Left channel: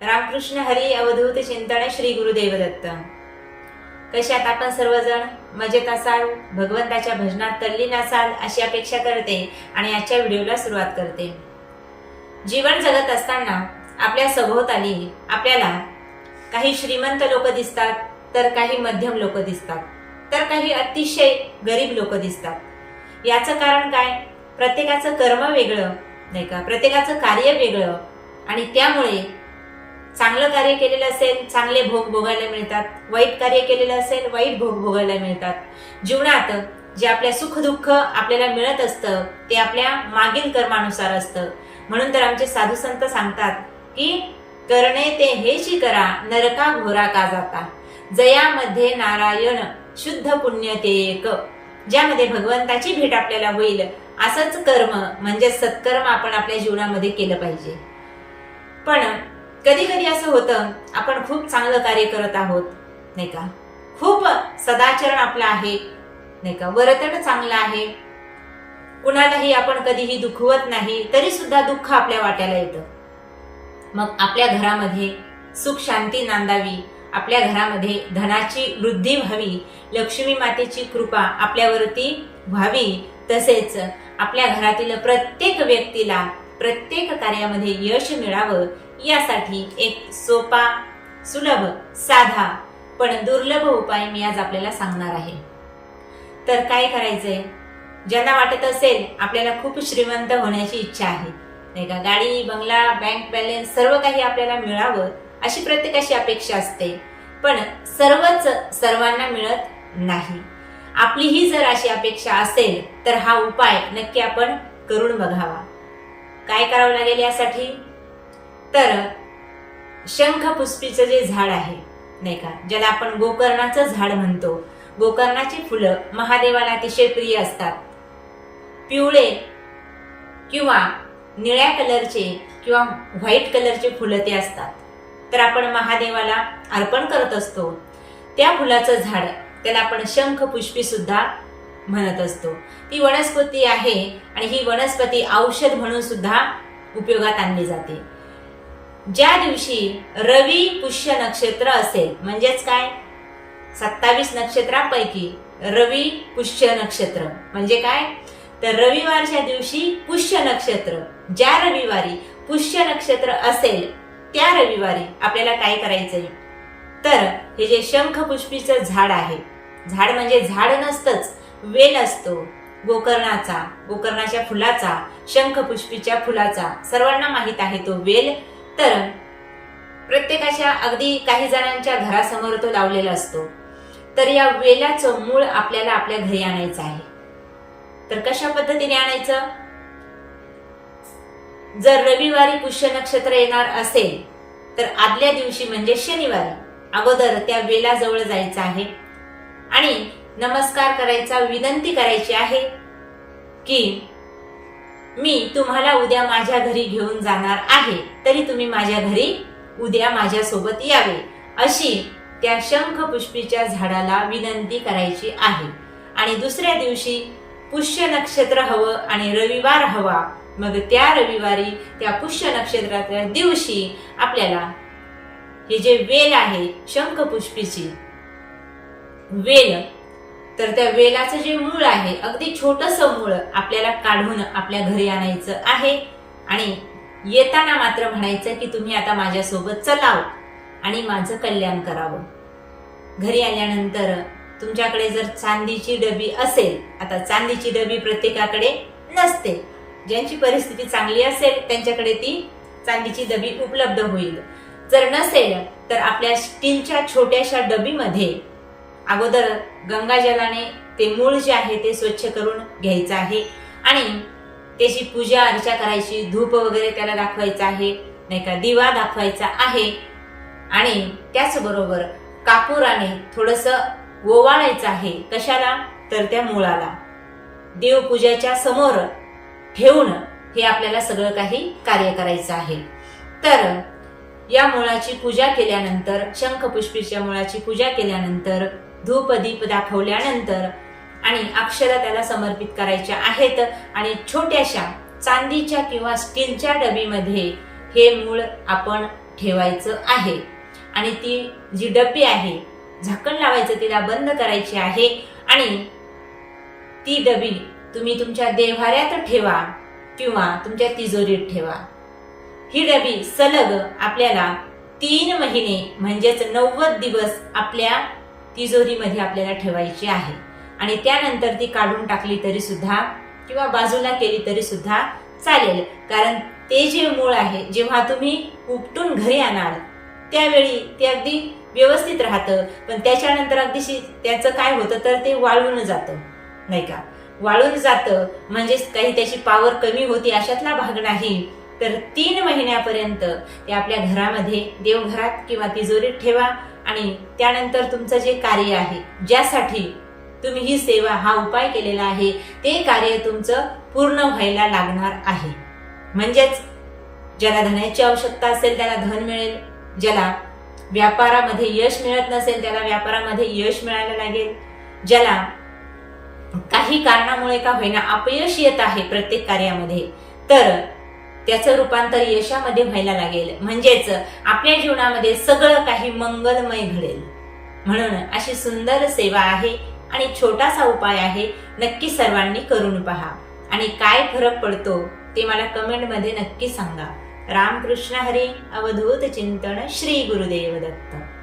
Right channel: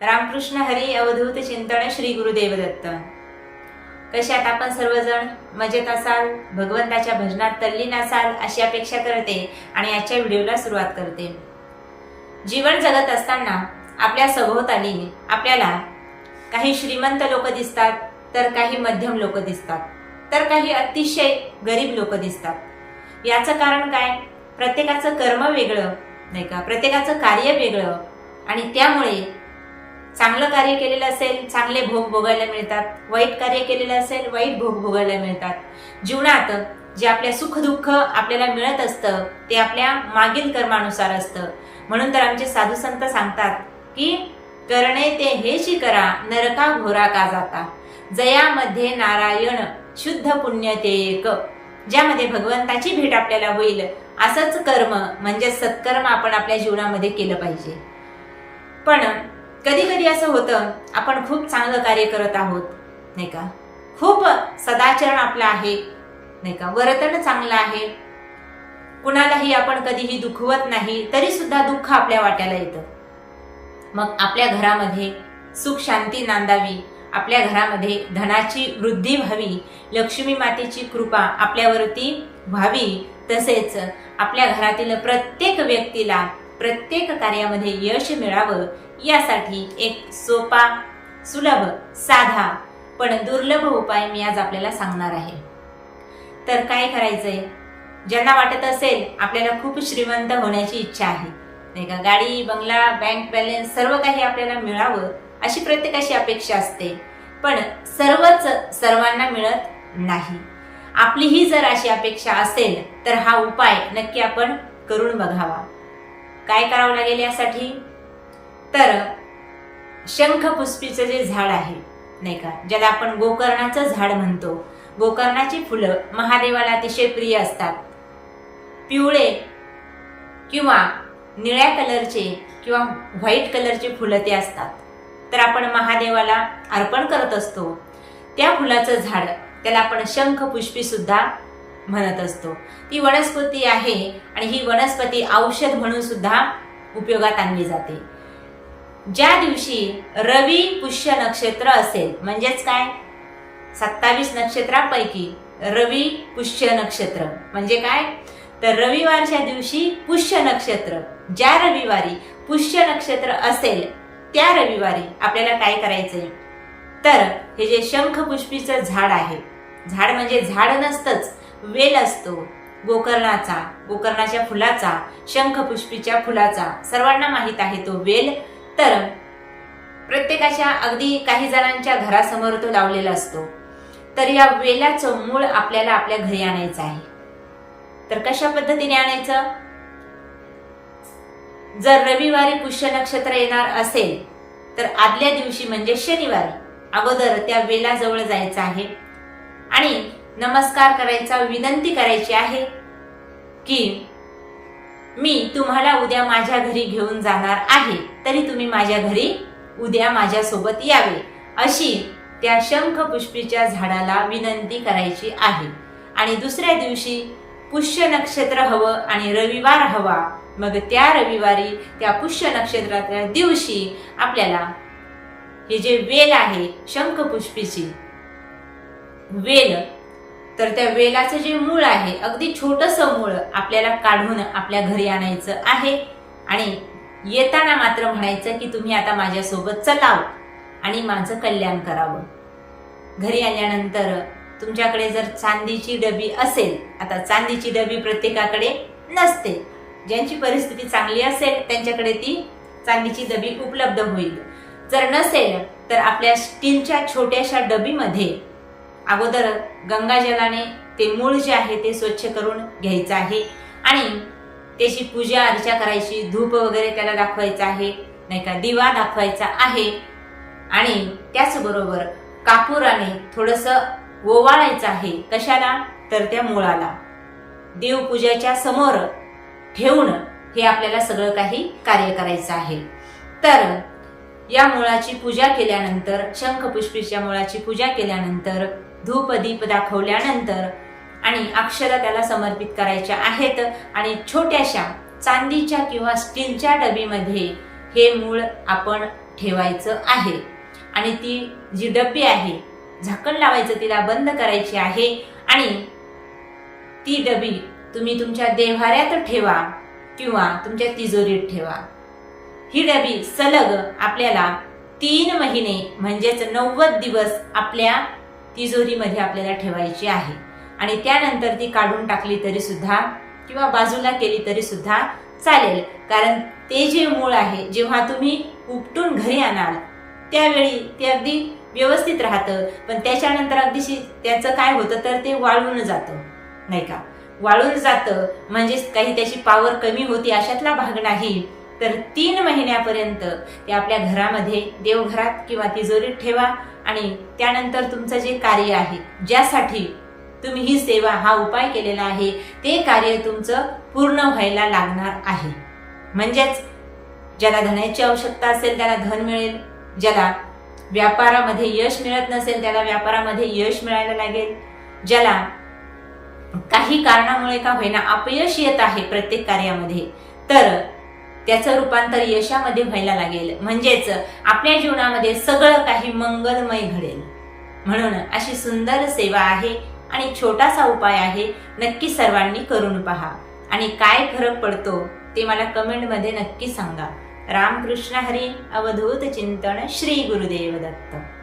रामकृष्ण हरी अवधूत चिंतन श्री गुरुदेव दत्त कशात आपण सर्वजण मजेत असाल भगवंताच्या भजनात तल्लीन असाल अशी अपेक्षा करते आणि आजच्या व्हिडिओला सुरुवात करते. जीवन जगत असताना आपल्या सभोवताली आपल्याला काही श्रीमंत लोक दिसतात तर काही मध्यम लोक दिसतात तर काही अतिशय गरीब लोक दिसतात. याचं कारण काय? प्रत्येकाचं कर्म वेगळं नाही का? प्रत्येकाचं कार्य वेगळं आणि त्यामुळे चांगलं कार्य केलेलं असेल चांगले भोग भोगायला मिळतात. वाईट कार्य केलेलं असेल वाईट भोग भोगायला मिळतात. जीवनात जे आपल्या सुख दुःख आपल्याला मिळत असतं ते आपल्या मागील कर्मानुसार असतं. म्हणून तर आमचे साधू संत सांगतात की करणे ते हेची करा नरका घोरा का जाता? जयामध्ये नारायण शुद्ध पुण्य ते एक. ज्यामध्ये भगवंताची भेट आपल्याला होईल असंच कर्म म्हणजे सत्कर्म आपण आपल्या जीवनामध्ये केलं पाहिजे. पण कधी कधी असं होतं आपण खूप चांगलं कार्य करत आहोत नाही का? खूप सदाचरण आपलं आहे नाही का? वर्तन चांगलं आहे. कुणालाही आपण कधीही दुखवत नाही तरी सुद्धा दुःख आपल्या वाट्याला येतं. मग आपल्या घरामध्ये सुख शांती नांदावी आपल्या घरामध्ये धनाची वृद्धी व्हावी लक्ष्मी मातेची कृपा आपल्यावरती व्हावी तसेच आपल्या घरातील प्रत्येक व्यक्तीला प्रत्येक कार्यामध्ये यश मिळावं यासाठी एक सोपा सुलभ साधा पण दुर्लभ उपाय मी आज आपल्याला सांगणार आहे. तर काय करायचंय? ज्यांना वाटत असेल आपल्याला खूप श्रीमंत होण्याची इच्छा आहे नाही का? गाडी बंगला बँक बॅलन्स सर्व काही आपल्याला मिळावं अशी प्रत्येकाची अपेक्षा असते. पण सर्वच सर्वांना मिळत नाही. आपलीही जर अशी अपेक्षा असेल तर हा उपाय नक्की आपण करून बघावा. काय करावं लागेल यासाठी? तर शंख पुष्पीचं जे झाड आहे नाही का ज्याला आपण गोकर्णाचं झाड म्हणतो. गोकर्णाची फुलं महादेवाला अतिशय प्रिय असतात. पिवळे किंवा निळ्या कलरचे किंवा व्हाईट कलरचे फुलं ते असतात. तर आपण महादेवाला अर्पण करत असतो. त्या फुलाचं झाड त्याला आपण शंखपुष्पी सुद्धा म्हणत असतो. ती वनस्पती आहे आणि ही वनस्पती औषध म्हणून सुद्धा उपयोगात आणली जाते. ज्या दिवशी रवी पुष्य नक्षत्र असेल म्हणजेच काय? सत्तावीस नक्षत्रांपैकी रवी पुष्य नक्षत्र. म्हणजे काय? तर रविवारच्या दिवशी पुष्य नक्षत्र. ज्या रविवारी पुष्य नक्षत्र असेल त्या रविवारी आपल्याला काय करायचंय? तर हे जे शंख पुष्पीचं झाड आहे झाड म्हणजे झाड नसतंच वेल असतो. गोकर्णाचा गोकर्णाच्या फुलाचा शंख पुष्पीच्या फुलाचा सर्वांना माहीत आहे तो वेल. तर प्रत्येकाच्या अगदी काही जणांच्या घरासमोर तो लावलेला असतो. तर या वेलाचं मूळ आपल्याला आपल्या घरी आणायचं आहे. तर कशा पद्धतीने आणायचं? जर रविवारी पुष्य नक्षत्र येणार असेल तर आदल्या दिवशी म्हणजे शनिवारी अगोदर त्या वेलाजवळ जायचं आहे. आणि नमस्कार करायचा विनंती करायची आहे की मी तुम्हाला उद्या माझ्या घरी घेऊन जाणार आहे. तरी तुम्ही माझ्या घरी उद्या माझ्यासोबत यावे. अशी त्या शंख पुष्पीच्या झाडाला विनंती करायची आहे. आणि दुसऱ्या दिवशी पुष्य नक्षत्र हवं आणि रविवार हवा. मग त्या रविवारी त्या पुष्य नक्षत्राच्या दिवशी आपल्याला हे जे वेल आहे शंख पुष्पीची वेल तर त्या वेलाचं जे मूळ आहे अगदी छोटस मूळ आपल्याला काढून आपल्या घरी आणायचं आहे. आणि येताना मात्र म्हणायचं की तुम्ही आता माझ्यासोबत चलाव आणि माझं कल्याण करावं. घरी आल्यानंतर तुमच्याकडे जर चांदीची डबी असेल आता चांदीची डबी प्रत्येकाकडे नसते. ज्यांची परिस्थिती चांगली असेल त्यांच्याकडे ती चांदीची डबी उपलब्ध होईल. जर नसेल तर आपल्या स्टीलच्या छोट्याशा डबीमध्ये अगोदर गंगाजलाने ते मूळ जे आहे ते स्वच्छ करून घ्यायचं आहे. आणि त्याची पूजा अर्चा करायची धूप वगैरे त्याला दाखवायचं आहे नाही का दिवा दाखवायचा आहे. आणि त्याचबरोबर कापुराने थोडस ओवाळायचं आहे. कशाला? तर त्या मुळाला. देवपूजाच्या समोर ठेवून हे आपल्याला सगळं काही कार्य करायचं आहे. तर या मुळाची पूजा केल्यानंतर शंखपुष्पीच्या मुळाची पूजा केल्यानंतर धूप दीप दाखवल्यानंतर आणि अक्षर त्याला समर्पित करायच्या आहेत आणि छोट्याशा चांदीच्या किंवा स्टीलच्या डबीमध्ये हे मूळ आपण ठेवायचं आहे. आणि ती जी डब्बी आहे झाकण लावायचं तिला बंद करायची आहे आणि ती डबी तुम्ही तुमच्या देव्हाऱ्यात ठेवा किंवा तुमच्या तिजोरीत ठेवा. ही डबी सलग आपल्याला तीन महिने म्हणजेच नव्वद दिवस आपल्या तिजोरीमध्ये आपल्याला ठेवायची आहे. आणि त्यानंतर ती काढून टाकली तरी सुद्धा किंवा बाजूला केली तरी सुद्धा चालेल. कारण ते जे मूळ आहे जेव्हा तुम्ही उपटून घरी आणाल त्यावेळी ते अगदी व्यवस्थित राहतं. पण त्याच्यानंतर अगदी त्याचं काय होतं तर ते वाळून जातं. नाही का? वाळून जातं म्हणजेच काही त्याची पावर कमी होती अशातला भाग नाही. तर तीन महिन्यापर्यंत ते आपल्या घरामध्ये देवघरात किंवा तिजोरीत ठेवा. आणि त्यानंतर तुमचं जे कार्य आहे ज्यासाठी तुम्ही ही सेवा हा उपाय केलेला आहे ते कार्य तुमचं पूर्ण व्हायला लागणार आहे. म्हणजेच ज्याला धनाची आवश्यकता असेल त्याला धन मिळेल ज्याला व्यापारामध्ये यश मिळत नसेल त्याला व्यापारामध्ये यश मिळायला लागेल ज्याला काही कारणामुळे का होईना अपयश येत आहे प्रत्येक कार्यामध्ये तर त्याचं रूपांतर यशामध्ये व्हायला लागेल. म्हणजेच आपल्या जीवनामध्ये सगळं काही मंगलमय घडेल. म्हणून अशी सुंदर सेवा आहे आणि छोटासा उपाय आहे. नक्की सर्वांनी करून पहा. आणि काय फरक पडतो ते मला कमेंटमध्ये नक्की सांगा. रामकृष्ण हरी अवधूत चिंतन श्री गुरुदेव दत्त.